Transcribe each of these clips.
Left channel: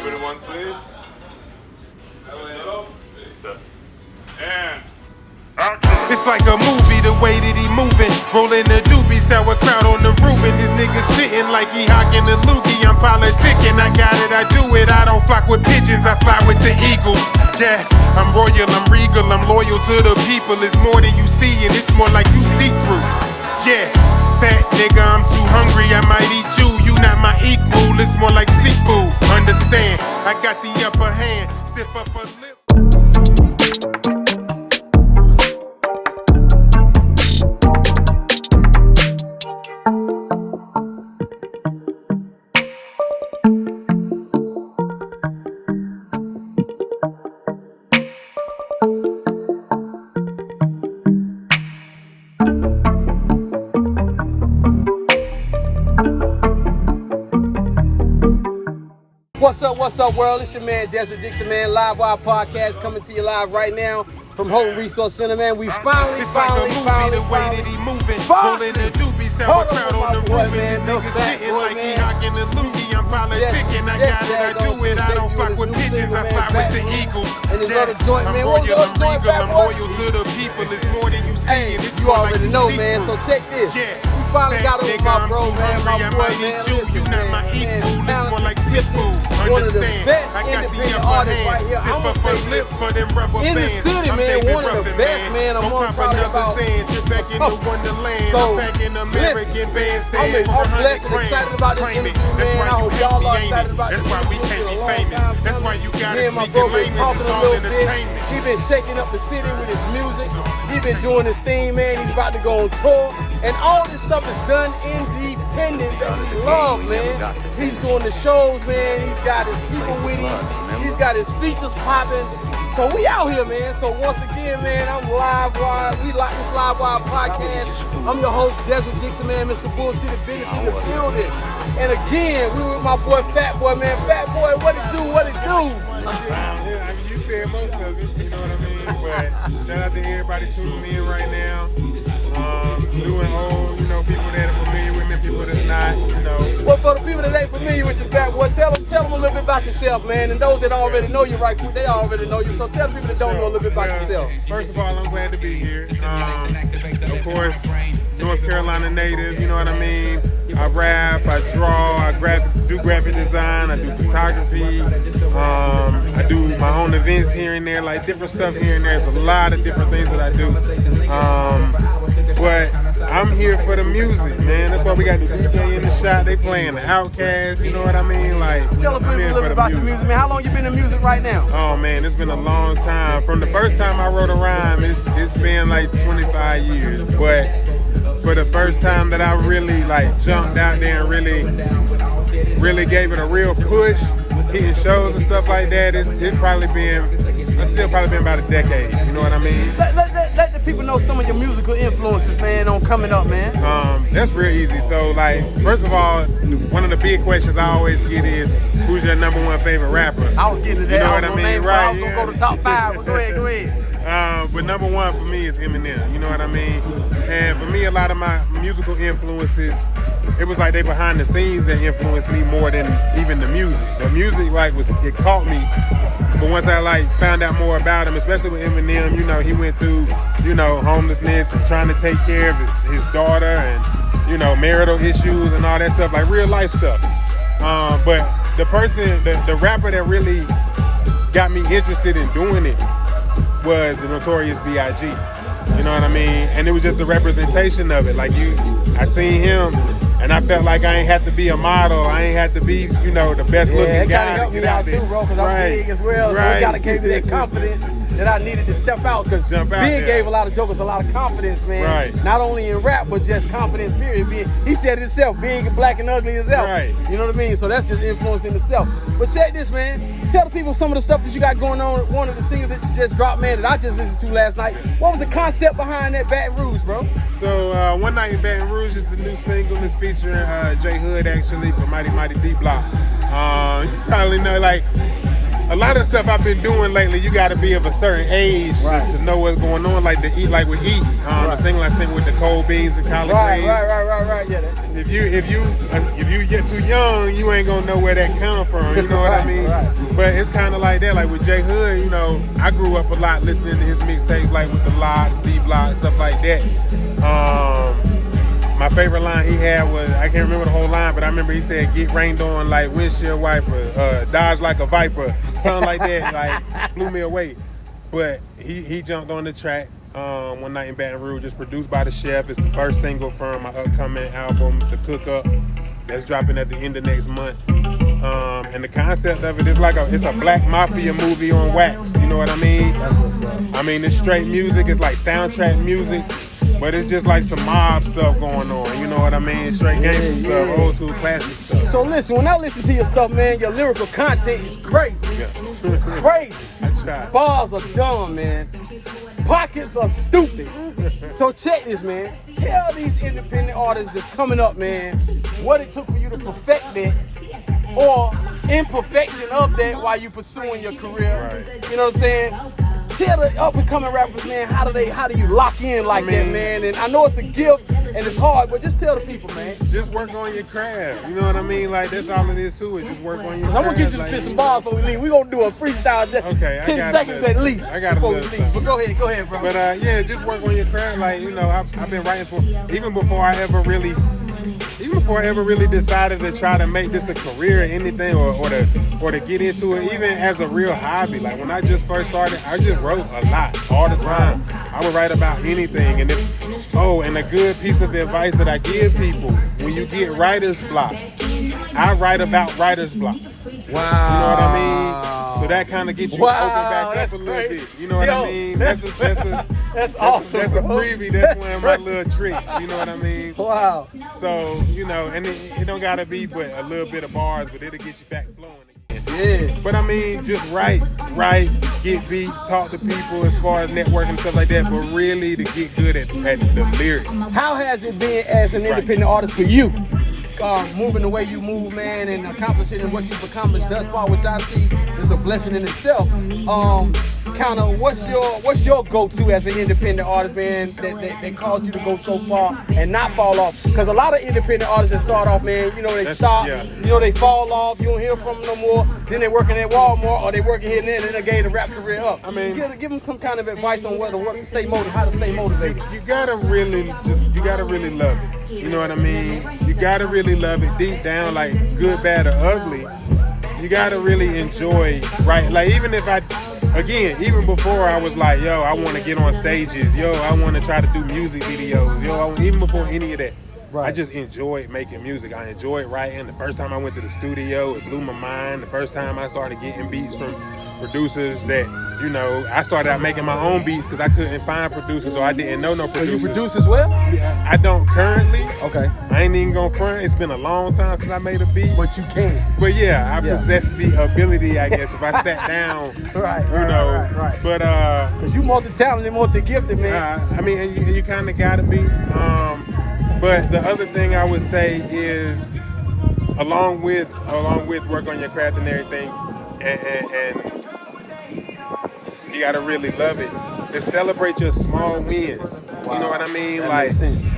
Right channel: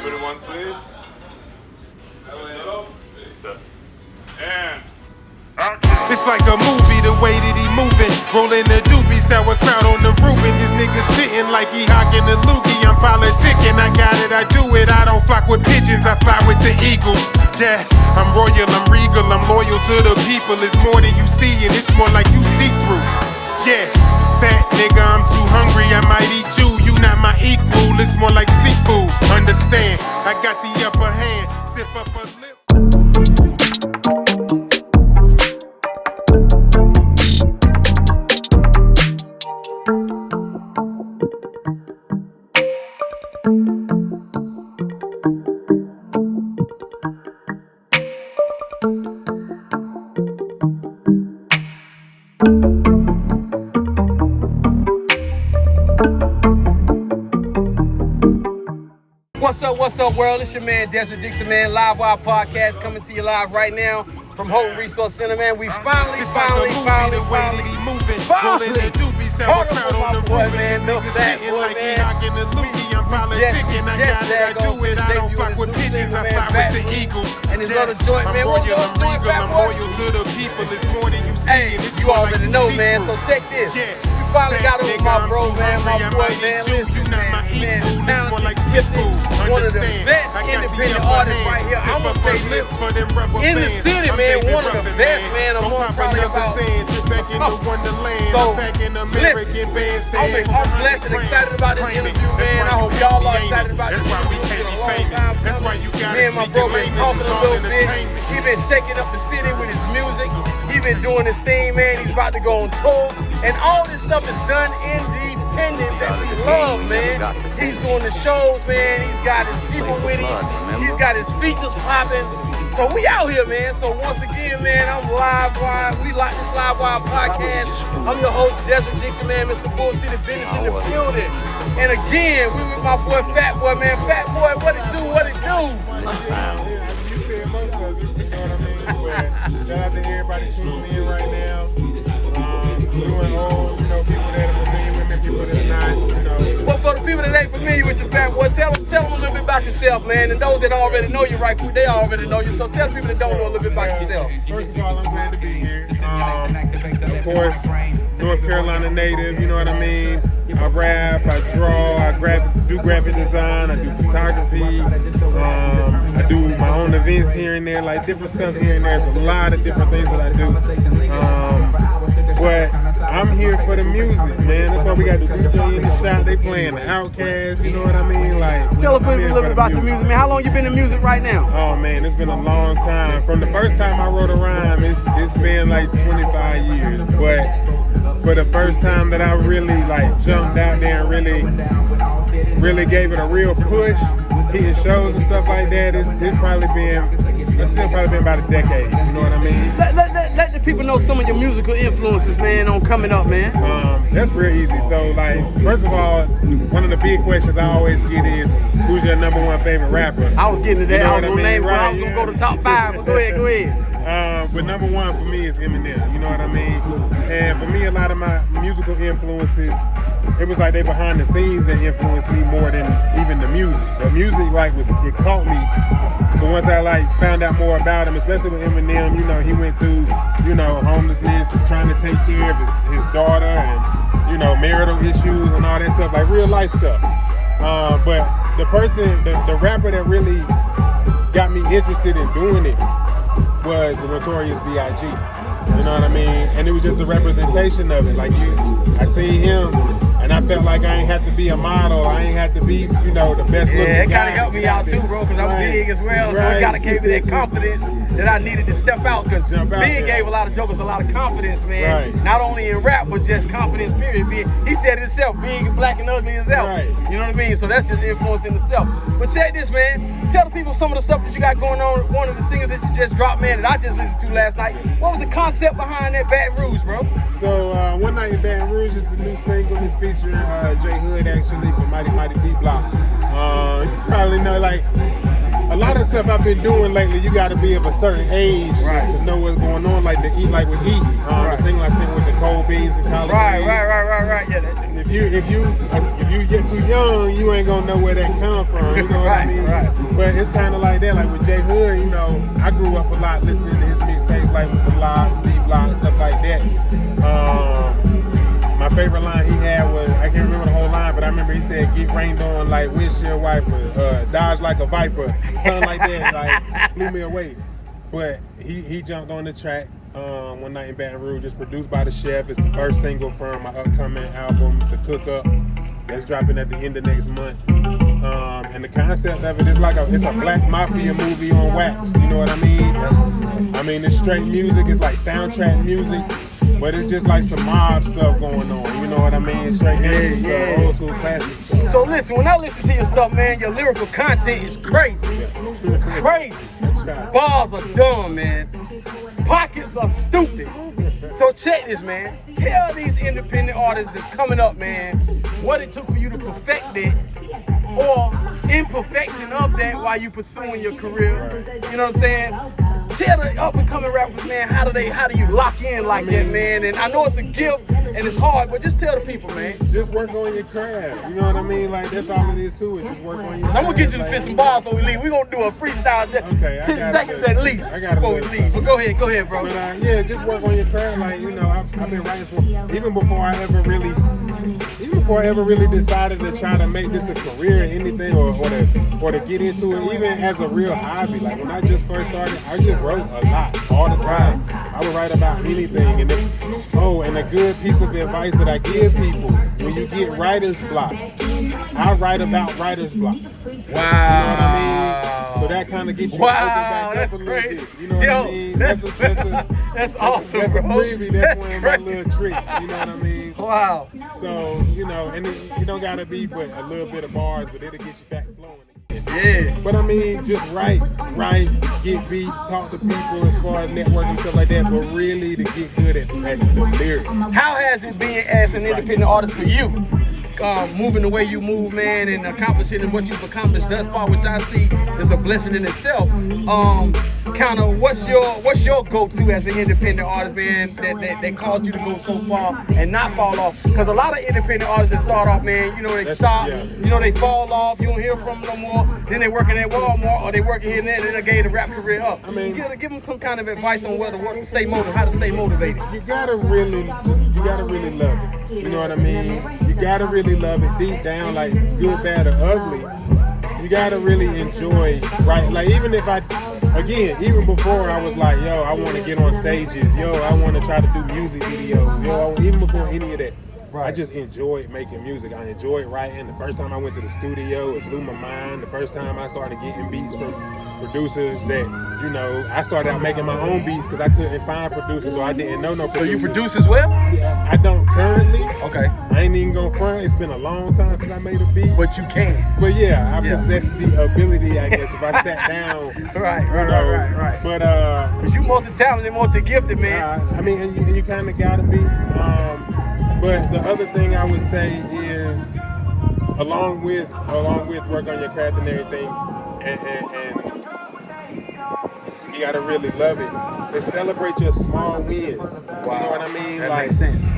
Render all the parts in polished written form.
Everyone, please. And it's like a movie, the way that he moving. Rolling the doobie, sauerkraut on the Reuben. This nigga spitting like he hocking the loogie. I'm politicking, I got it, I do it. I don't flock with pigeons, I fly with the eagles. Yeah, I'm royal, I'm regal, I'm loyal to the people. It's more than you see, and it's more like you see through. Yeah, fat nigga, I'm too hungry, I might eat you. You not my equal, it's more like seafood. Understand, I got the upper hand, stiff upper lip. What's up, world? It's your man, Desert Dixon, man. Live Wire Podcast coming to you live right now from Holton Resource Center, man. We finally, it's like a movie, the way that he moving. Rolling the doobie, sauerkraut on the Reuben. This nigga sitting like he hocking the loogie. I'm politicking, I got it, I do it. I don't flock with pigeons, I fly with the eagles. Yeah, I'm royal, I'm regal, I'm loyal to the people. It's more than you see, and it's more like you see man. So check this. Yeah, finally fat nigga, I'm too hungry, I might eat you. You not my equal, it's more like seafood. Understand, I got the upper hand. Stiff upper lip for them rubber bands. I'm David Ruffin, man. Don't pop another Zan. Trip back into Wonderland. I'm packing American bandstand for 100 grand. Claim it. That's why you hate me, ain't it? That's why we can't be famous. That's why you gotta speak in layman's. It's all entertainment. He been shaking up the city with his music. He been doing his thing, man. He's about to go on tour. And all this stuff is done independent. Man. He's doing the shows, man. He's got his people with him. He's got his features popping. So we out here, man. So once again, man, I'm Live Wire. We like this Live Wire podcast. I'm your host, Desert Dixon, man. Mr. Bull City Business in the building. And again, we with my boy FATBOY, man. FATBOY, what it do? What it do? You said most of it, you know what I mean? But shout out to everybody tuning in right now. New and old, you know, people that are familiar with me, people that are not, you know. Well, for the people that ain't familiar with you, FATBOY, tell them a little bit about yourself, man. And those that already know you, right, they already know you. So tell the people that don't know a little bit about yourself. First of all, I'm glad to be here. Of course, North Carolina native, you know what I mean? I rap, I draw, I do graphic design, I do photography, I do my own events here and there, like different stuff here and there. There's a lot of different things that I do. But I'm here for the music, man. That's why we got the DJ in the shot. They playing the Outkast, you know what I mean? Like, tell us a little bit about your music, man. How long you been in music right now? Oh man, it's been a long time. From the first time I wrote a rhyme, it's been like 25 years. But for the first time that I really like jumped out there and really gave it a real push, hitting shows and stuff like that, it's still probably been about a decade. You know what I mean? Let the people know some of your musical influences, man, on coming up, man. That's real easy. So, like, first of all, one of the big questions I always get is, who's your number one favorite rapper? I was getting to that. You know I was gonna name, right? I was gonna go to top 5. But go ahead. But number one for me is Eminem. You know what I mean? And for me, a lot of my musical influences, it was like they behind the scenes that influenced me more than even the music. The music, like, it caught me. But once I found out more about him, especially with Eminem, you know, he went through, you know, homelessness and trying to take care of his daughter and, you know, marital issues and all that stuff, like real life stuff. But the rapper that really got me interested in doing it was the Notorious B.I.G. You know what I mean? And it was just the representation of it. Like I seen him and I felt like I ain't have to be a model. I ain't have to be, you know, the best looking guy. Yeah, it gotta help me out too, bro, because I'm big as well. So you gotta give me that confidence that I needed to step out. Because Big gave a lot of jokers a lot of confidence, man. Right. Not only in rap, but just confidence, period. He said it himself, big and black and ugly himself. Right. You know what I mean? So that's just influence in itself. But check this, man. Tell the people some of the stuff that you got going on. One of the singles that you just dropped, man, that I just listened to last night. What was the concept behind that Baton Rouge, bro? So One Night in Baton Rouge is the new single. It's featuring J Hood, actually, from Mighty Mighty D Block. You probably know, like, a lot of stuff I've been doing lately, you got to be of a certain age to know what's going on. Like the Eat Like with Eat, the single I sing with the Cold Beans and Collard Greens. Right. Yeah. If you get too young, you ain't gonna know where that come from. You know what I mean? But it's kind of like that. Like with J Hood, you know, I grew up a lot listening to his mixtapes, like with the Locks, D-Block, stuff like that. My favorite line he had was, I can't remember the whole line, but I remember he said, "Get rained on like windshield wiper, dodge like a viper," something like that. Like blew me away. But he jumped on the track one night in Baton Rouge. It's produced by the Chef. It's the first single from my upcoming album, The Cook Up, that's dropping at the end of next month. And the concept of it is like it's a black mafia movie on wax. You know what I mean? I mean, it's straight music. It's like soundtrack music, but it's just like some mob stuff going on. You know what I mean? Straight gangster stuff, old school classic stuff. So listen, when I listen to your stuff, man, your lyrical content is crazy. Crazy. That's right. Bars are dumb, man. Pockets are stupid. So check this, man. Tell these independent artists that's coming up, man, what it took for you to perfect it, or imperfection of that while you pursuing your career. Right. You know what I'm saying? Tell the up and coming rappers, man, how do you lock in like that, man? And I know it's a gift and it's hard, but just tell the people, man. Just work on your craft. You know what I mean? Like that's all it is to it. Just work on your craft. I'm gonna get you to spit some bars before we leave. We're gonna do a freestyle. Okay, 10 seconds at least. I got before we leave. But go ahead, bro. But yeah, just work on your craft. Like, you know, I've been writing for even before I ever really decided to try to make this a career or anything, or to get into it, even as a real hobby. Like when I just first started, I just wrote a lot all the time. I would write about anything, and and a good piece of advice that I give people: when you get writer's block, I write about writer's block. Wow. You know what I mean? So that kind of gets you open back up a little bit. You know what I mean? That's awesome. That's a freebie. That's one of my little tricks. You know what I mean? Wow. So, you know, and it don't gotta be but a little bit of bars, but it'll get you back flowing. Yeah. But I mean, just write, get beats, talk to people as far as networking and stuff like that, but really to get good at the lyrics. How has it been as an independent artist for you? Moving the way you move, man, and accomplishing what you've accomplished thus far, which I see is a blessing in itself. Kind of, what's your go-to as an independent artist, man, that caused you to go so far and not fall off? Because a lot of independent artists that start off, man, you know, they stop, you know, they fall off, you don't hear from them no more, then they working at Walmart, or they working here and there, and then they gave the rap career up. I mean, give them some kind of advice on how to stay motivated. You gotta really love it. You know what I mean? You gotta really love it deep down, like good, bad, or ugly. You gotta really enjoy, right? Like even before I was like, yo, I want to get on stages, yo, I want to try to do music videos, yo, even before any of that. Right. I just enjoyed making music. I enjoyed writing. The first time I went to the studio, it blew my mind. The first time I started getting beats from producers that, you know, I started out making my own beats because I couldn't find producers, or I didn't know no producers. So you produce as well? Yeah, I don't currently. Okay. I ain't even gonna front. It's been a long time since I made a beat. But you can. But yeah, I possess the ability, I guess, if I sat down. Right. But because you multi-talented, multi-gifted, man. I mean, and you kind of gotta be. But the other thing I would say is, along with work on your craft and everything, and you gotta really love it, is celebrate your small wins. You know what I mean? Like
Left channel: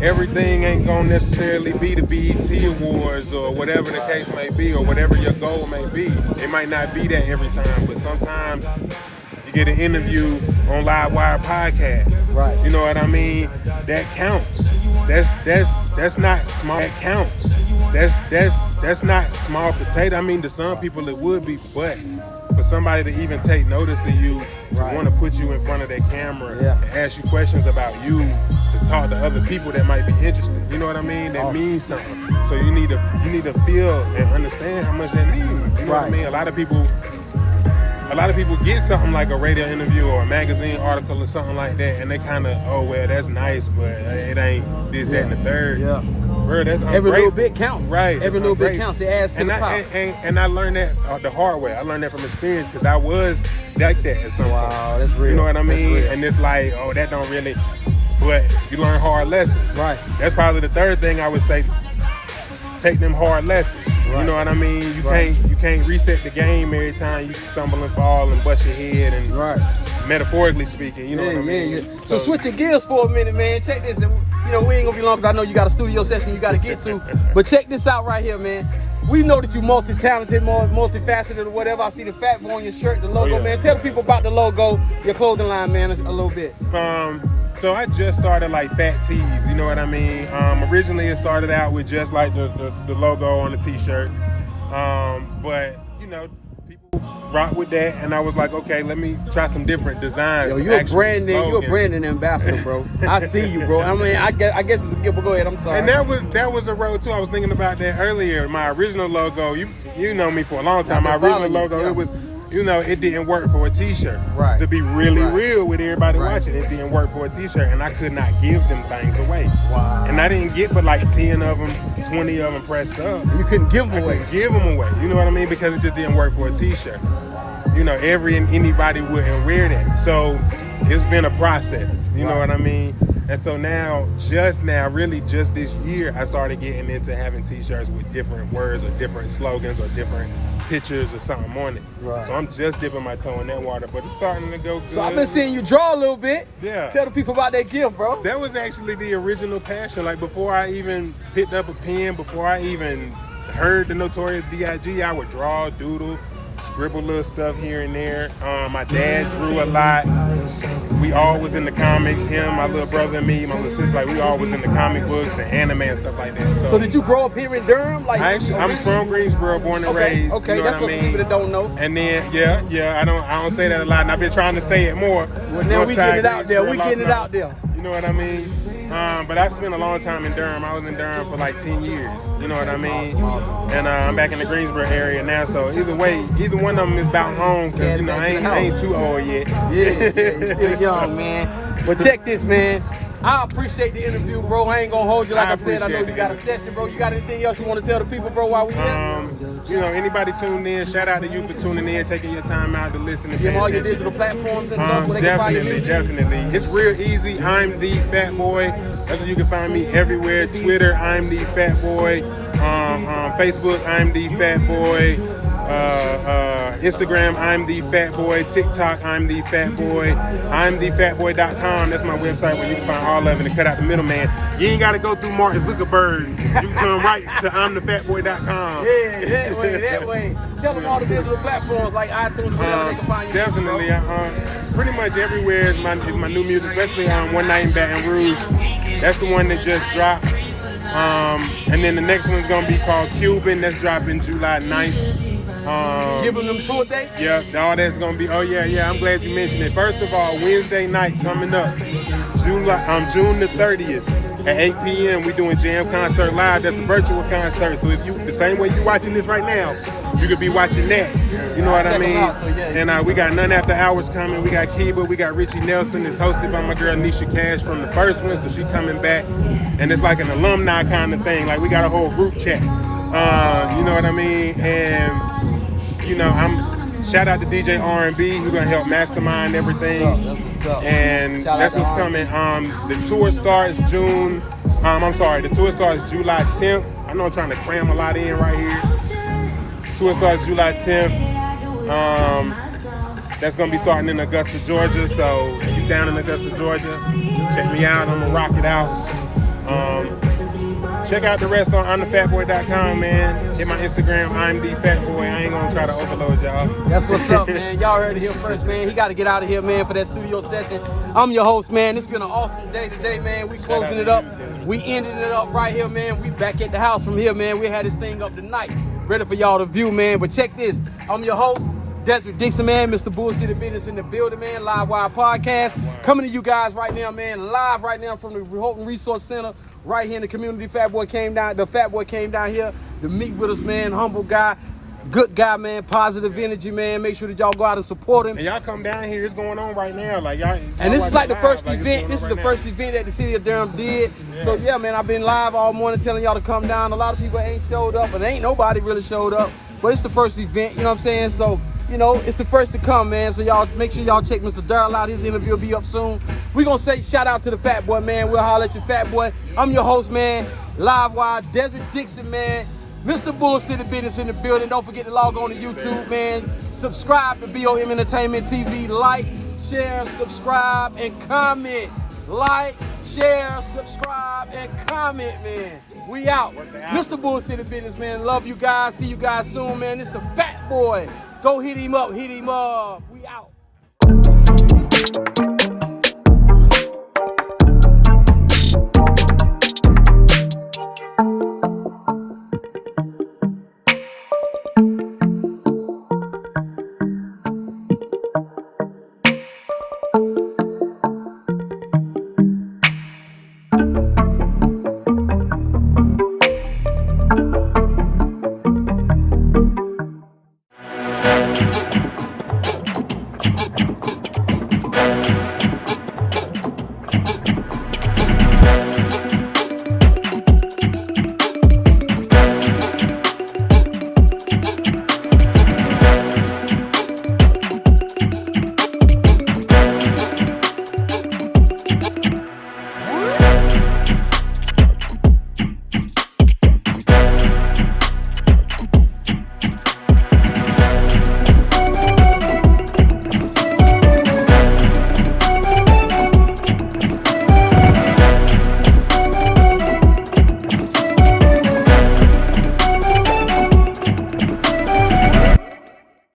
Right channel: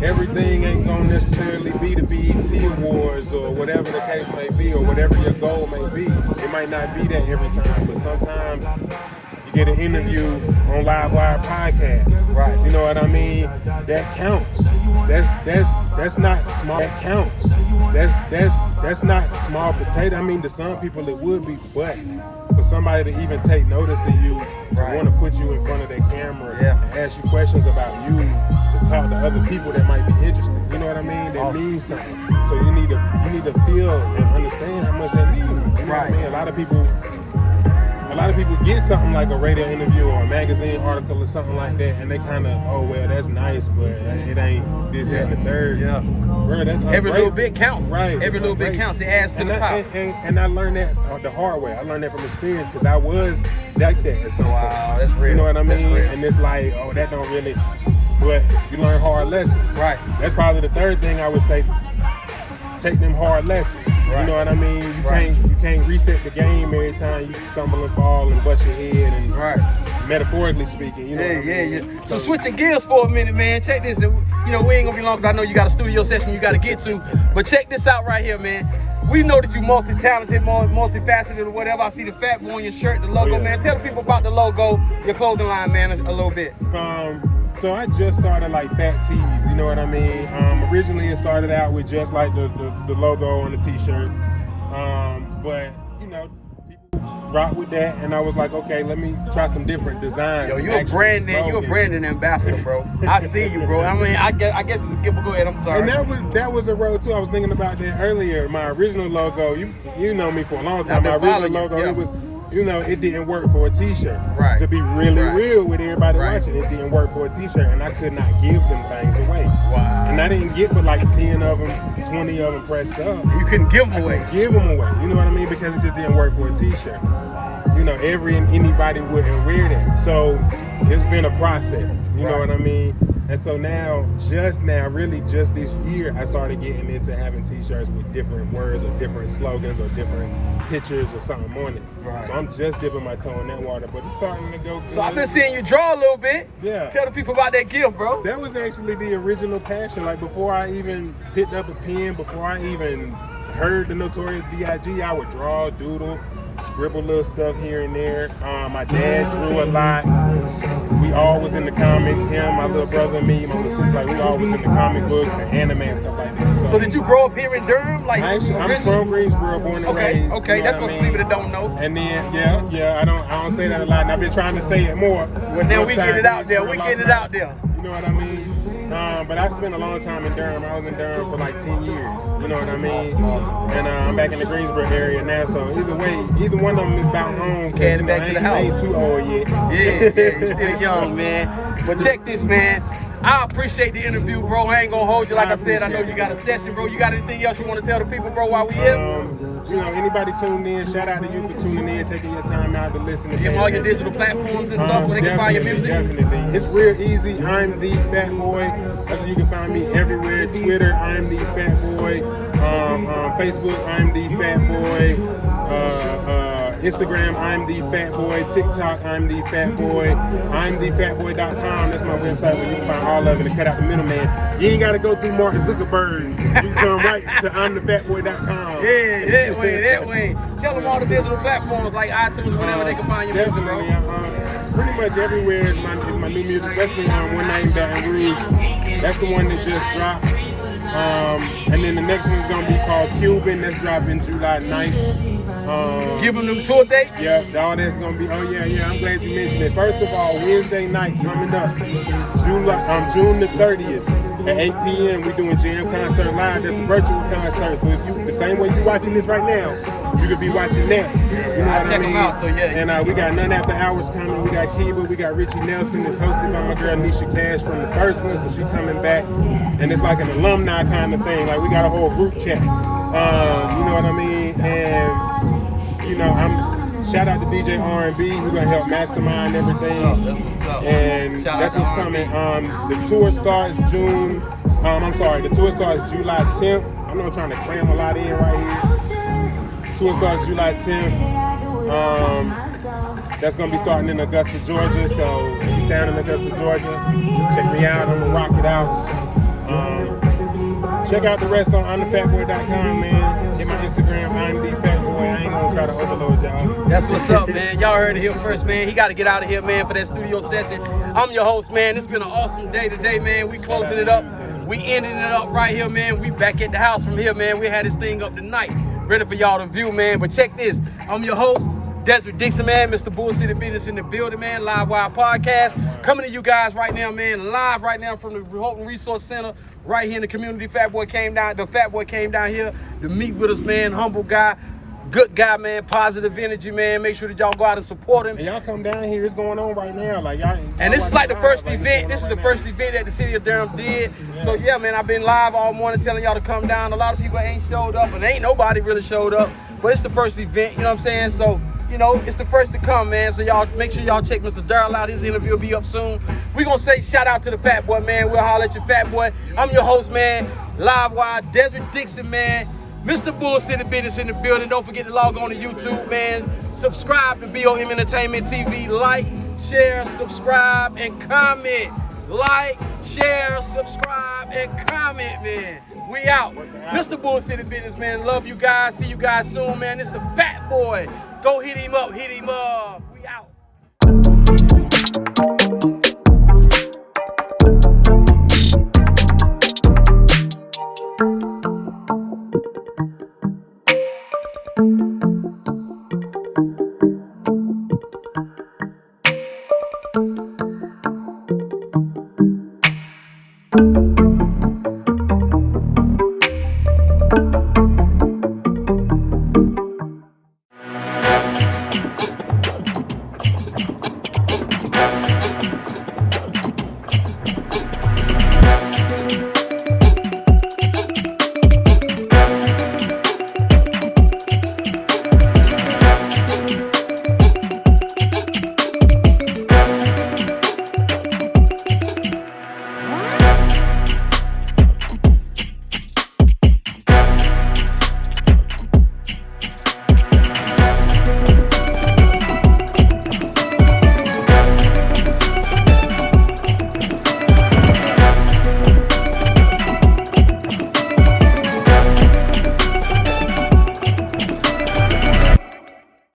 everything ain't gonna necessarily be the BET Awards or whatever the case may be, or whatever your goal may be. It might not be that every time, but sometimes you get an interview on Livewire podcast. Right. You know what I mean? That counts. That's not small. That counts. That's not small potato. I mean, to some people it would be, but for somebody to even take notice of you, to want to put you in front of their camera and ask you questions about you, to talk to other people that might be interested, you know what I mean? That means something. So you need to feel and understand how much that means. You know what I mean? A lot of people get something like a radio interview or a magazine article or something like that, and they kind of, oh well, that's nice, but it ain't this, that, and the third. Yeah. Bro, that's every little bit counts. Right. Every little bit counts. It adds to the power. And I learned that the hard way. I learned that from experience, because I was like that at some point. That's real. You know what I mean? And it's like, oh, that don't really. But you learn hard lessons. Right. That's probably the third thing I would say. Take them hard lessons. You know what I mean? You can't reset the game every time you stumble and fall and bust your head, and metaphorically speaking, you know what I mean? Yeah. So switching gears for a minute, man. Check this. You know, we ain't gonna be long because I know you got a studio session you gotta get to. But check this out right here, man. We know that you multi-talented, multifaceted or whatever. I see the Fat Boy on your shirt, the logo, man. Tell the people about the logo, your clothing line, man, a little bit. So I just started like Fat Tees, you know what I mean? Originally it started out with just like the logo on the t-shirt. But you know, people rock with that, and I was like, okay, let me try some different designs. Yo, you're a branding ambassador, bro. I see you, bro. I mean, I guess it's a giveaway. Go ahead, I'm sorry. And that was a road too. I was thinking about that earlier. My original logo, you know me for a long time. My original logo, it was, you know, it didn't work for a t-shirt. Right. To be really real with everybody watching, it didn't work for a t-shirt, and I could not give them things away. Wow. And I didn't get but like 10 of them, 20 of them pressed up. You couldn't give them away. Give them away. You know what I mean? Because it just didn't work for a t-shirt. You know, anybody wouldn't wear that. So it's been a process. You know what I mean? And so now, really just this year, I started getting into having t-shirts with different words or different slogans or different pictures or something on it. Right. So I'm just dipping my toe in that water, but it's starting to go good. So I've been seeing you draw a little bit. Yeah. Tell the people about that gift, bro. That was actually the original passion. Like before I even picked up a pen, before I even heard the Notorious B.I.G., I would draw, doodle, scribble little stuff here and there. My dad drew a lot. We all was in the comics. Him, my little brother, and me, my little sister. Like we all was in the comic books and anime and stuff like that. So did you grow up here in Durham? Like I'm from Greensboro, born and raised. Okay, you know that's what what I mean? people that don't know. And then yeah, I don't say that a lot, and I've been trying to say it more. Well, then we get it out there. We get it out there. You know what I mean? But I spent a long time in Durham. I was in Durham for like 10 years. You know what I mean? And I'm back in the Greensboro area now. So either way, either one of them is about home. Cause you know, I ain't too old yet. Yeah, you're still young, man. But check this, man. I appreciate the interview, bro. I ain't gonna hold you like I said. I know you got a session, bro. You got anything else you want to tell the people, bro, while we here? You know, anybody tuned in, shout out to you for tuning in, taking your time out to listen to Give all your digital platforms and stuff where they can find your music. Definitely. It's real easy. I'm the Fat Boy. That's where you can find me everywhere. Twitter, I'm the Fat Boy. Facebook, I'm the Fat Boy. Instagram, I'm the Fat Boy. TikTok, I'm the Fat Boy. I'm the fatboy.com. That's my website where you can find all of it and cut out the middleman. You ain't got to go through Mark Zuckerberg. You can come right to I'mTheFatBoy.com. Yeah, that way. Tell them all the digital platforms like iTunes and whatever they can find your definitely. music, Pretty much everywhere is my new music, especially on One Night in Baton Rouge. That's the one that just dropped. And then the next one's gonna be called Cuban. That's dropping July 9th. Giving them tour dates? Yeah, all that's gonna be. Oh yeah. I'm glad you mentioned it. First of all, Wednesday night coming up, June the 30th at 8 p.m. We doing Jam Concert Live. That's a virtual concert. So if you the same way you watching this right now, you could be watching that. You know what I mean? And we got None After Hours coming. We got Kiba. We got Richie Nelson. It's hosted by my girl Nisha Cash from the first one, so she coming back. And it's like an alumni kind of thing. Like we got a whole group chat. You know what I mean? And you know, shout out to DJ R&B who gonna help mastermind everything. And that's what's coming. The tour starts The tour starts July 10th. I know I'm trying to cram a lot in right here. Tour starts July 10th. That's gonna be starting in Augusta, Georgia. So if you down in Augusta, Georgia, check me out. I'm gonna rock it out. Check out the rest on I'mTheFatBoy.com, man. Hit my Instagram, I'm the Fat Boy. I ain't gonna try to overload y'all. That's what's up, man. Y'all heard it here first, man. He got to get out of here, man, for that studio session. I'm your host, man. It's been an awesome day today, man. We closing it up. We ending it up right here, man. We back at the house from here, man. We had this thing up tonight, ready for y'all to view, man. But check this. I'm your host, Desert Dixon, man. Mr. Bull City Business in the building, man. Live Wire Podcast. Coming to you guys right now, man. Live right now from the Houghton Resource Center. Right here in the community. The Fat Boy came down here to meet with us, man. Humble guy, good guy, man. Positive energy, man. Make sure that y'all go out and support him. And y'all come down here. It's going on right now. Like y'all. And this is like the first event. This is the first event that the city of Durham did. Yeah. So yeah, man, I've been live all morning telling y'all to come down. A lot of people ain't showed up, and ain't nobody really showed up. But it's the first event. You know what I'm saying? So. You know, it's the first to come, man. So y'all make sure y'all check Mr. Darrell out. His interview will be up soon. We gonna say shout out to the Fat Boy, man. We'll holler at you, Fat Boy. I'm your host, man. Live Wire, Desert Dixon, man. Mr. Bull City Business in the building. Don't forget to log on to YouTube, man. Subscribe to BOM Entertainment TV. Like, share, subscribe, and comment. like, share, subscribe, and comment, man. We out. Mr. Bull City Business, man. Love you guys. See you guys soon, man. This is the Fat Boy. Go hit him up. Hit him up. We out.